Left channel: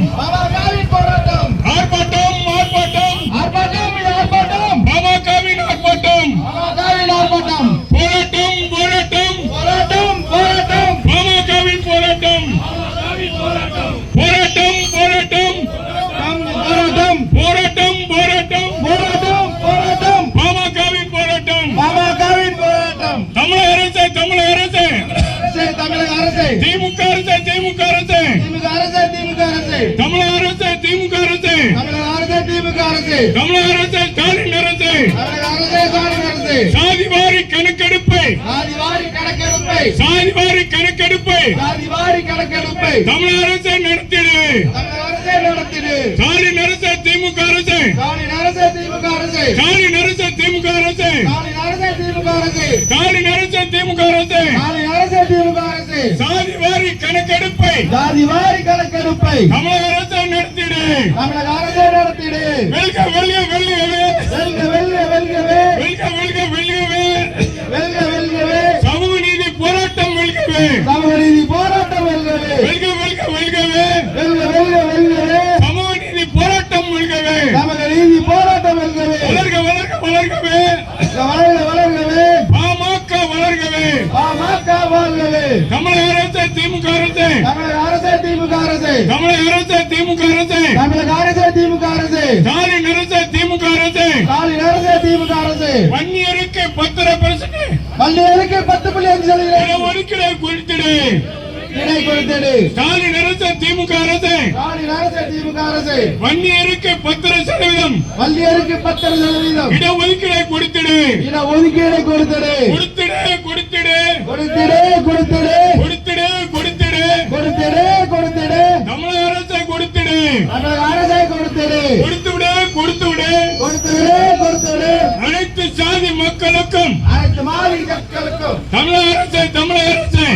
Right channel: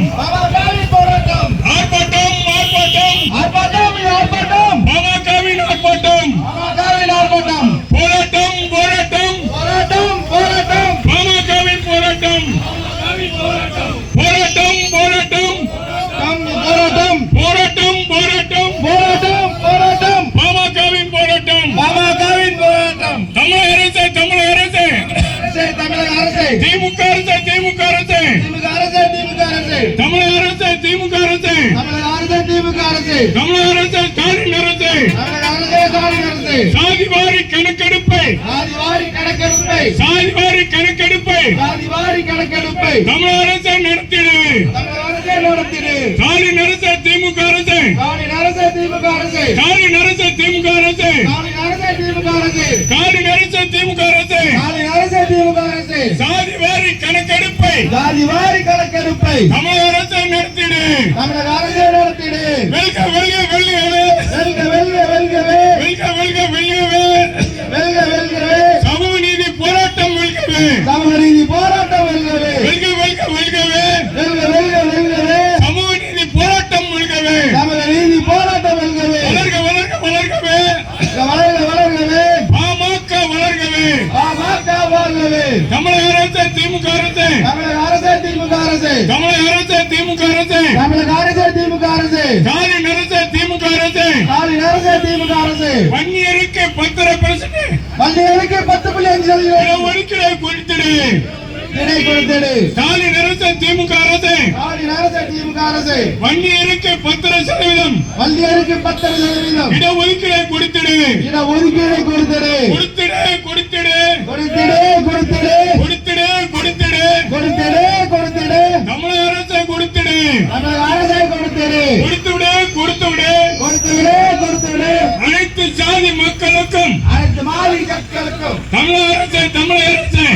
போராட்டம் ஆர்ப்பாட்டம் ஆர்ப்பாட்டம். ஆர்ப்பாட்டம் ஆர்ப்பாட்டம். பாமகவின் ஆர்ப்பாட்டம். பாமகவின் ஆர்ப்பாட்டம். போராட்டம் போராட்டம். போராட்டம் போராட்டம். பாமகவின் போராட்டம். போராட்டம். போராட்டம் போராட்டம். போராட்டம். போராட்டம் போராட்டம். போராட்டம் போராட்டம். பாமகவின் போராட்டம். அரசு. திமுக அரசு திமுக அரசு. திமுக தமிழக அரசு திமுக அரசு. தமிழக அரசு திமுக அரசு. தமிழக அரசு ஸ்டாலின் அரசு. சாதி வாரி கணக்கெடுப்பை. சாதி வாரி கணக்கெடுப்பை. சாதிவாரி கணக்கெடுப்பை. தமிழக அரசு நடத்திடு. தமிழக அரசே நடத்திடு. ஸ்டாலின் அரசு திமுக அரசு. ஸ்டாலின் அரசு திமுக அரசு. ஸ்டாலின் அரசு திமுக அரசு ஸ்டாலின் அரசு திமுக அரசு ஸ்டாலின் அரசு திமுக அரசு ஸ்டாலின் அரசு திமுக அரசு சாதி வாரி கணக்கெடுப்பை சாதிவாரி கணக்கெடுப்பை. அரசு நடத்திடு தமிழக அரசே நடத்திடு வெல்க வெல்க வெல்கவே. வெல்க வெல்க வெல்கவே. வெல்க வெல்க வெல்கவே. வெல்க வெல்கவே. சமூக நீதி போராட்டம் வெல்கவே. சமூக நீதி போராட்டம் வெல்கவே. வெல்க வெல்க வெல்கவே. வெல்க வெல்க வெல்கவே. சமூக நீதி போராட்டம் வெல்கவே. சமூக நீதி போராட்டம் வெல்கவே. வளர்க வளர்க வளர்கவே. வளர்க வளர்கவே பாமக வளர்கவே. பாமக வாழ்கவே தமிழக அரசு திமுக அரசு. தமிழக அரசு திமுக அரசு. தமிழக அரசு திமுக அரசு. தமிழக அரசு திமுக அரசு. ஸ்டாலின் அரசு திமுக அரசு. ஸ்டாலின் அரசு திமுக அரசு. வன்னியருக்கு பத்திர பிரச்சனை பள்ளிகளுக்கு பத்து புள்ளி அஞ்சு சதவீதம். ஒதுக்கீடை குறித்திடு இணை கொடுத்தது ஸ்டாலின் அரசு திமுக அரசு. ஸ்டாலின் அரசு திமுக அரசு. வன்னியருக்கு பத்திர சதவீதம். பள்ளிகளுக்கு பத்தரை சதவீதம். இடஒதுக்கீடை கொடுத்திடு இட ஒதுக்கீடு கொடுத்தது கொடுத்திடு கொடுத்திடு. கொடுத்திடு கொடுத்திடு. கொடுத்திடு கொடுத்திடு. தமிழக அரசை கொடுத்திடு. தமிழக அரசை கொடுத்திடு. கொடுத்துவிடு கொடுத்துவிடு. கொடுத்துவிடு கொடுத்துவிடு. அனைத்து சாதி மக்களுக்கும் அனைத்து மாநில மக்களுக்கும். தமிழக அரசை தமிழக